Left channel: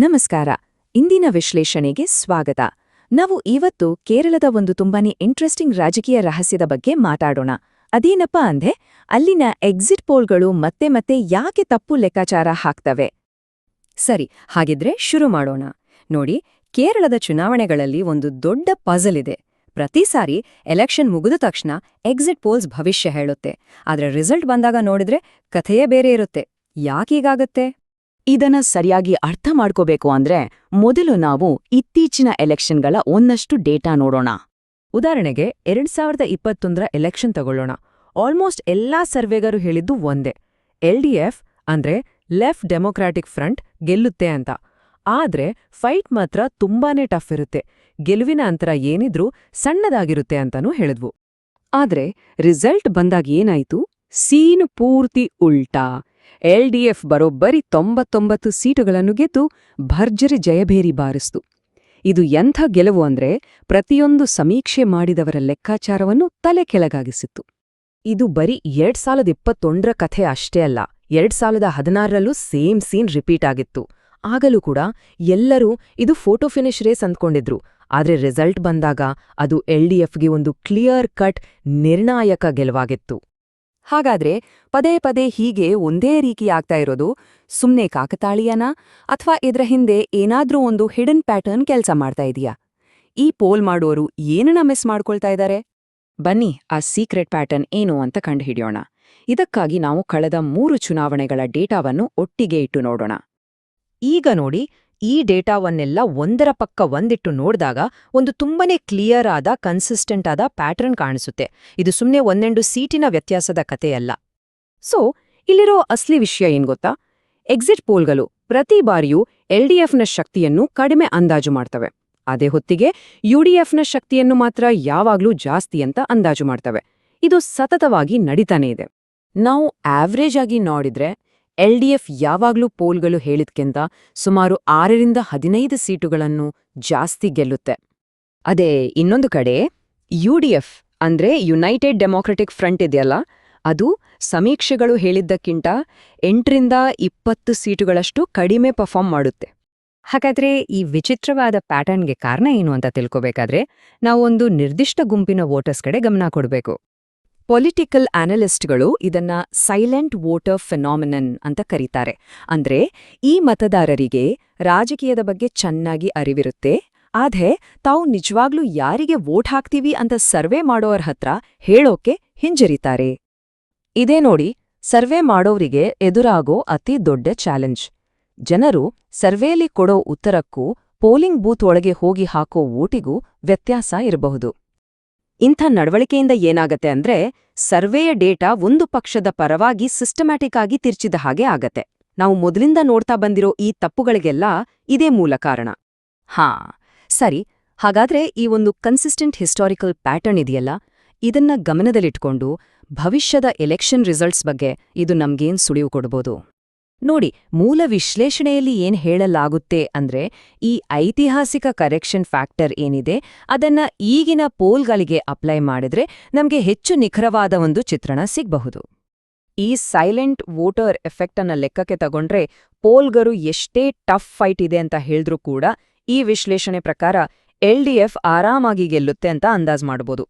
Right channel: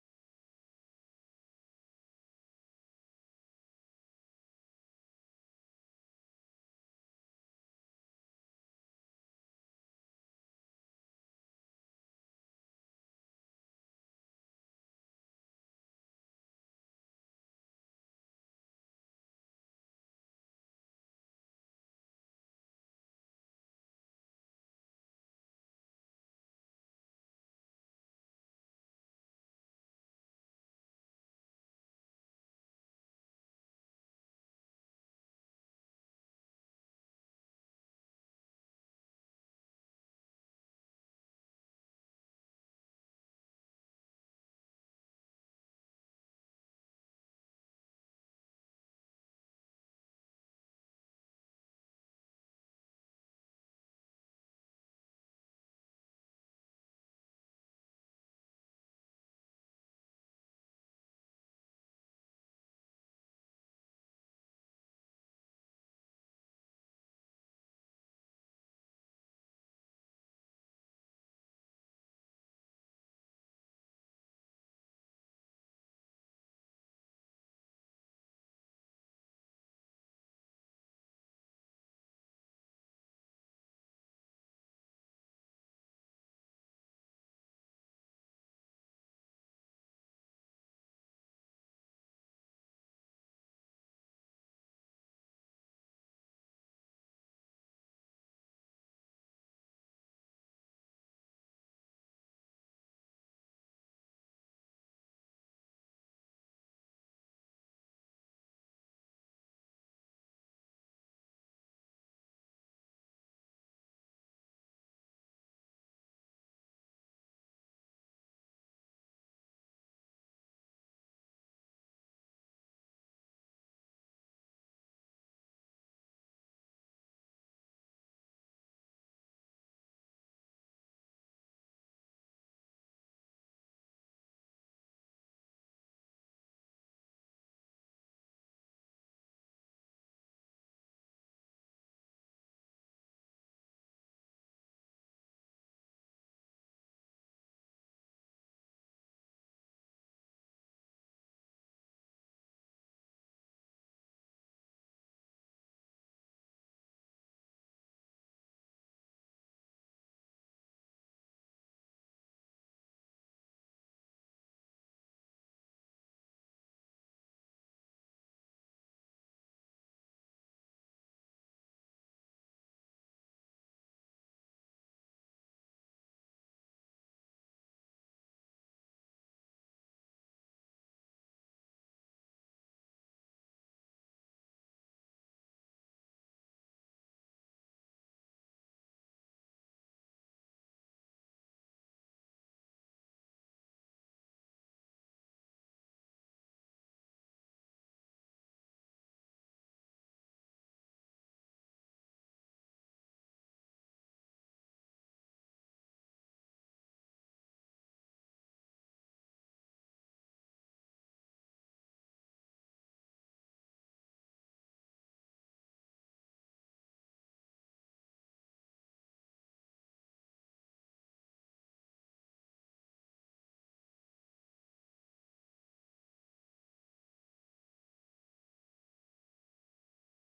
ನಮಸ್ಕಾರ. ಇಂದಿನ ವಿಶ್ಲೇಷಣೆಗೆ ಸ್ವಾಗತ. ನಾವು ಇವತ್ತು ಕೇರಳದ ಒಂದು ತುಂಬಾನೇ ಇಂಟ್ರೆಸ್ಟಿಂಗ್ ರಾಜಕೀಯ ರಹಸ್ಯದ ಬಗ್ಗೆ ಮಾತಾಡೋಣ. ಅದೇನಪ್ಪಾ ಅಂದ್ರೆ ಅಲ್ಲಿನ ಎಕ್ಸಿಟ್ ಪೋಲ್ಗಳು ಮತ್ತೆ ಮತ್ತೆ ಯಾಕೆ ತಪ್ಪು ಲೆಕ್ಕಾಚಾರ ಹಾಕ್ತವೆ. ಸರಿ, ಹಾಗಿದ್ರೆ ಶುರು ಮಾಡೋಣ. ನೋಡಿ, ಕೇರಳದ ಚುನಾವಣೆಗಳಲ್ಲಿ ಒಂದು ದೊಡ್ಡ ಪಜಲ್ ಇದೆ. ಪ್ರತಿ ಸಾರಿ ಎಲೆಕ್ಷನ್ ಮುಗಿದ ತಕ್ಷಣ ಎಕ್ಸಿಟ್ ಪೋಲ್ಸ್ ಭವಿಷ್ಯ ಹೇಳುತ್ತೆ. ಆದ್ರೆ ರಿಸಲ್ಟ್ ಬಂದಾಗ ನೋಡಿದ್ರೆ ಕಥೆಯೇ ಬೇರೆ ಇರುತ್ತೆ. ಯಾಕೀಗಾಗತ್ತೆ? ಇದನ್ನ ಸರಿಯಾಗಿ ಅರ್ಥ ಮಾಡ್ಕೋಬೇಕು ಅಂದ್ರೆ ಮೊದಲು ನಾವು ಇತ್ತೀಚಿನ ಎಲೆಕ್ಷನ್ಗಳ ಒಂದಷ್ಟು ಡೇಟಾ ನೋಡೋಣ. ಉದಾಹರಣೆಗೆ 2021ರ ಎಲೆಕ್ಷನ್ ತಗೊಳ್ಳೋಣ. ಆಲ್ಮೋಸ್ಟ್ ಎಲ್ಲಾ ಸರ್ವೆಗರು ಹೇಳಿದ್ದು ಒಂದೇ, LDF ಅಂದ್ರೆ ಲೆಫ್ಟ್ ಡೆಮೊಕ್ರಾಟಿಕ್ ಫ್ರಂಟ್ ಗೆಲ್ಲುತ್ತೆ ಅಂತ. ಆದ್ರೆ ಫೈಟ್ ಮಾತ್ರ ತುಂಬಾನೇ ಟಫ್ ಇರುತ್ತೆ. ಗೆಲುವಿನ ಅಂತರ ಏನಿದ್ರೂ ಸಣ್ಣದಾಗಿರುತ್ತೆ ಅಂತಾನೂ ಹೇಳಿದ್ವು. ಆದ್ರೆ ರಿಸಲ್ಟ್ ಬಂದಾಗ ಏನಾಯ್ತು? ಸೀನು ಪೂರ್ತಿ ಉಲ್ಟಾ. LDF ಬರೋಬ್ಬರಿ 99 ಸೀಟುಗಳನ್ನು ಗೆದ್ದು ಭರ್ಜರಿ ಜಯಭೇರಿ ಬಾರಿಸ್ತು. ಇದು ಎಂಥ ಗೆಲುವು ಅಂದ್ರೆ ಪ್ರತಿಯೊಂದು ಸಮೀಕ್ಷೆ ಮಾಡಿದವರ ಲೆಕ್ಕಾಚಾರವನ್ನು ತಲೆ ಕೆಳಗಾಗಿಸಿತ್ತು. ಇದು ಬರೀ 2021ರ ಕಥೆ ಅಷ್ಟೇ ಅಲ್ಲ, 2016ರಲ್ಲೂ ಸೇಮ್ ಸೀನ್ ರಿಪೀಟ್ ಆಗಿತ್ತು. ಆಗಲೂ ಕೂಡ ಎಲ್ಲರೂ ಇದು ಫೋಟೋ ಫಿನಿಶ್ ರೇಸ್ ಅಂದ್ಕೊಂಡಿದ್ರು. ಆದ್ರೆ ರಿಸಲ್ಟ್ ಬಂದಾಗ ಅದು LDFಗೆ ಒಂದು ಕ್ಲಿಯರ್ ಕಟ್ ನಿರ್ಣಾಯಕ ಗೆಲುವಾಗಿತ್ತು. ಹಾಗಾದ್ರೆ ಪದೇ ಪದೇ ಹೀಗೆ ಒಂದೇ ರೀತಿ ಆಗ್ತಾ ಇರೋದು ಸುಮ್ನೆ ಕಾಕತಾಳೀಯನಾ, ಅಥವಾ ಇದ್ರ ಹಿಂದೆ ಏನಾದ್ರೂ ಒಂದು ಹಿಡನ್ ಪ್ಯಾಟರ್ನ್ ಕೆಲ್ಸ ಮಾಡ್ತಾ ಇದೆಯಾ? ಈ ಪೋಲ್ ಮಾಡೋರು ಏನನ್ನ ಮಿಸ್ ಮಾಡ್ಕೊಳ್ತಾ ಇದ್ದಾರೆ? ಬನ್ನಿ ಆ ಸೀಕ್ರೆಟ್ ಪ್ಯಾಟರ್ನ್ ಏನು ಅಂತ ಕಂಡುಹಿಡಿಯೋಣ. ಇದಕ್ಕಾಗಿ ನಾವು ಕಳೆದ 3 ಚುನಾವಣೆಗಳ ಡೇಟಾವನ್ನು ಒಟ್ಟಿಗೆ ಇಟ್ಟು ನೋಡೋಣ. ಈಗ ನೋಡಿ, ಈ ಡೇಟಾವನ್ನೆಲ್ಲ ಒಂದರ ಪಕ್ಕ ಒಂದಿಟ್ಟು ನೋಡ್ದಾಗ ಒಂದು ತುಂಬನೇ ಕ್ಲಿಯರ್ ಆದ ಕನ್ಸಿಸ್ಟೆಂಟ್ ಆದ ಪ್ಯಾಟರ್ನ್ ಕಾಣಿಸುತ್ತೆ. ಇದು ಸುಮ್ನೆ ಒಂದೆಂಡು ಸೀಟಿನ ವ್ಯತ್ಯಾಸದ ಕಥೆಯಲ್ಲ. ಸೊ ಇಲ್ಲಿರೋ ಅಸ್ಲಿ ವಿಷಯ ಏನ್ ಗೊತ್ತಾ? ಎಕ್ಸಿಟ್ ಪೋಲ್ಗಳು ಪ್ರತಿ ಬಾರಿಯೂ LDFನ ಶಕ್ತಿಯನ್ನು ಕಡಿಮೆ ಅಂದಾಜು ಮಾಡ್ತವೆ. ಅದೇ ಹೊತ್ತಿಗೆ UDFನ ಶಕ್ತಿಯನ್ನು ಮಾತ್ರ ಯಾವಾಗ್ಲೂ ಜಾಸ್ತಿ ಅಂತ ಅಂದಾಜು ಮಾಡ್ತವೆ. ಇದು ಸತತವಾಗಿ ನಡೀತಾನೇ ಇದೆ. ನಾವು ಆವ್ರೇಜ್ ಆಗಿ ನೋಡಿದ್ರೆ LDF ಯಾವಾಗ್ಲೂ ಪೋಲ್ಗಳು ಹೇಳಿದ್ಕಿಂತ ಸುಮಾರು 6ರಿಂದ 15 ಸೀಟುಗಳನ್ನು ಜಾಸ್ತಿ ಗೆಲ್ಲುತ್ತೆ. ಅದೇ ಇನ್ನೊಂದು ಕಡೆ UDF ಅಂದ್ರೆ ಯುನೈಟೆಡ್ ಡೆಮೊಕ್ರೆಟಿಕ್ ಫ್ರಂಟ್ ಇದೆಯಲ್ಲ, ಅದು ಸಮೀಕ್ಷೆಗಳು ಹೇಳಿದ್ದಕ್ಕಿಂತ 8ರಿಂದ 20 ಸೀಟುಗಳಷ್ಟು ಕಡಿಮೆ ಪರ್ಫಾರ್ಮ್ ಮಾಡುತ್ತೆ. ಹಾಗಾದ್ರೆ ಈ ವಿಚಿತ್ರವಾದ ಪ್ಯಾಟರ್ನ್ಗೆ ಕಾರಣ ಏನು ಅಂತ ತಿಳ್ಕೋಬೇಕಾದ್ರೆ ನಾವು ಒಂದು ನಿರ್ದಿಷ್ಟ ಗುಂಪಿನ ವೋಟರ್ಸ್ ಕಡೆ ಗಮನ ಕೊಡಬೇಕು. ಪೊಲಿಟಿಕಲ್ ಅನಲಿಸ್ಟ್ಗಳು ಇದನ್ನ ಸೈಲೆಂಟ್ ವೋಟರ್ ಫೆನಾಮಿನನ್ ಅಂತ ಕರೀತಾರೆ. ಅಂದ್ರೆ ಈ ಮತದಾರರಿಗೆ ರಾಜಕೀಯದ ಬಗ್ಗೆ ಚೆನ್ನಾಗಿ ಅರಿವಿರುತ್ತೆ, ಆದ್ರೆ ತಾವು ನಿಜವಾಗ್ಲೂ ಯಾರಿಗೆ ವೋಟ್ ಹಾಕ್ತೀವಿ ಅಂತ ಸರ್ವೆ ಮಾಡೋರ ಹತ್ರ ಹೇಳೋಕೆ ಹಿಂಜರಿತಾರೆ. ಇದೇ ನೋಡಿ, ಸರ್ವೆ ಮಾಡೋರಿಗೆ ಎದುರಾಗೋ ಅತಿ ದೊಡ್ಡ ಚಾಲೆಂಜ್. ಜನರು ಸರ್ವೇಲಿ ಕೊಡೋ ಉತ್ತರಕ್ಕೂ ಪೋಲಿಂಗ್ ಬೂತ್ ಒಳಗೆ ಹೋಗಿ ಹಾಕೋ ವೋಟಿಗೂ ವ್ಯತ್ಯಾಸ ಇರಬಹುದು. ಇಂಥ ನಡವಳಿಕೆಯಿಂದ ಏನಾಗತ್ತೆ ಅಂದ್ರೆ ಸರ್ವೆಯ ಡೇಟಾ ಒಂದು ಪಕ್ಷದ ಪರವಾಗಿ ಸಿಸ್ಟಮ್ಯಾಟಿಕ್ ಆಗಿ ತಿರ್ಚಿದ ಹಾಗೆ ಆಗತ್ತೆ. ನಾವು ಮೊದಲಿಂದ ನೋಡ್ತಾ ಬಂದಿರೋ ಈ ತಪ್ಪುಗಳಿಗೆಲ್ಲ ಇದೇ ಮೂಲ ಕಾರಣ. ಸರಿ, ಹಾಗಾದ್ರೆ ಈ ಒಂದು ಕನ್ಸಿಸ್ಟೆಂಟ್ ಹಿಸ್ಟಾರಿಕಲ್ ಪ್ಯಾಟರ್ನ್ ಇದೆಯಲ್ಲ, ಇದನ್ನ ಗಮನದಲ್ಲಿಟ್ಕೊಂಡು ಭವಿಷ್ಯದ ಎಲೆಕ್ಷನ್ ರಿಸಲ್ಟ್ಸ್ ಬಗ್ಗೆ ಇದು ನಮ್ಗೇನ್ ಸುಳಿವು ಕೊಡ್ಬೋದು? ನೋಡಿ, ಮೂಲ ವಿಶ್ಲೇಷಣೆಯಲ್ಲಿ ಏನ್ ಹೇಳಲಾಗುತ್ತೆ ಅಂದ್ರೆ ಈ ಐತಿಹಾಸಿಕ ಕರೆಕ್ಷನ್ ಫ್ಯಾಕ್ಟರ್ ಏನಿದೆ ಅದನ್ನ ಈಗಿನ ಪೋಲ್ಗಳಿಗೆ ಅಪ್ಲೈ ಮಾಡಿದ್ರೆ ನಮ್ಗೆ ಹೆಚ್ಚು ನಿಖರವಾದ ಒಂದು ಚಿತ್ರಣ ಸಿಗ್ಬಹುದು. ಈ ಸೈಲೆಂಟ್ ವೋಟರ್ ಎಫೆಕ್ಟ್ ಅನ್ನ ಲೆಕ್ಕಕ್ಕೆ ತಗೊಂಡ್ರೆ ಪೋಲ್ಗರು ಎಷ್ಟೇ ಟಫ್ ಫೈಟ್ ಇದೆ ಅಂತ ಹೇಳಿದ್ರೂ ಕೂಡ ಈ ವಿಶ್ಲೇಷಣೆ ಪ್ರಕಾರ LDF ಆರಾಮಾಗಿ ಗೆಲ್ಲುತ್ತೆ ಅಂತ ಅಂದಾಜ್ ಮಾಡ್ಬೋದು.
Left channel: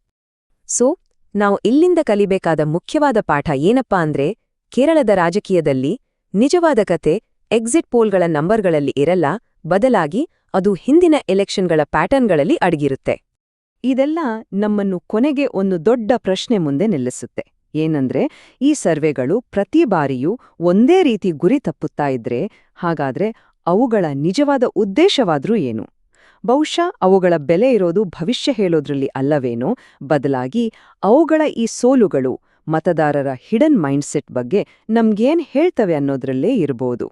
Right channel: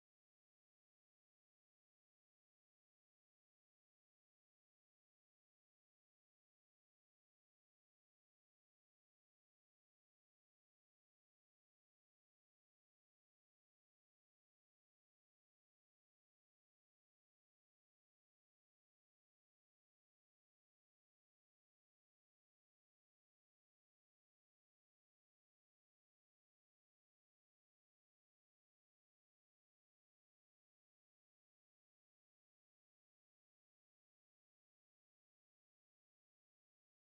ಸೊ ನಾವು ಇಲ್ಲಿಂದ ಕಲಿಬೇಕಾದ ಮುಖ್ಯವಾದ ಪಾಠ ಏನಪ್ಪಾ ಅಂದ್ರೆ ಕೇರಳದ ರಾಜಕೀಯದಲ್ಲಿ ನಿಜವಾದ ಕತೆ ಎಕ್ಸಿಟ್ ಪೋಲ್ಗಳ ನಂಬರ್ಗಳಲ್ಲಿ ಇರಲ್ಲ, ಬದಲಾಗಿ ಅದು ಹಿಂದಿನ ಎಲೆಕ್ಷನ್ಗಳ ಪ್ಯಾಟರ್ನ್ಗಳಲ್ಲಿ ಅಡಗಿರುತ್ತೆ. ಇದೆಲ್ಲ ನಮ್ಮನ್ನು ಕೊನೆಗೆ ಒಂದು ದೊಡ್ಡ ಪ್ರಶ್ನೆ ಮುಂದೆ ನಿಲ್ಲಿಸುತ್ತೆ. ಏನಂದ್ರೆ ಈ ಸರ್ವೆಗಳು ಪ್ರತಿ ಬಾರಿಯೂ ಒಂದೇ ರೀತಿ ಗುರಿ ತಪ್ಪುತ್ತಾ ಇದ್ರೆ ಹಾಗಾದ್ರೆ ಅವುಗಳ ನಿಜವಾದ ಉದ್ದೇಶವಾದ್ರೂ ಏನು? ಬಹುಶಃ ಅವುಗಳ ಬೆಲೆ ಇರೋದು ಭವಿಷ್ಯ ಹೇಳೋದ್ರಲ್ಲಿ ಅಲ್ಲವೇನೋ, ಬದಲಾಗಿ ಅವುಗಳ ಈ ಸೋಲುಗಳು ಮತದಾರರ ಹಿಡನ್ ಮೈಂಡ್ಸೆಟ್ ಬಗ್ಗೆ ನಮ್ಗೇನ್ ಹೇಳ್ತವೆ ಅನ್ನೋದ್ರಲ್ಲೇ ಇರಬಹುದು.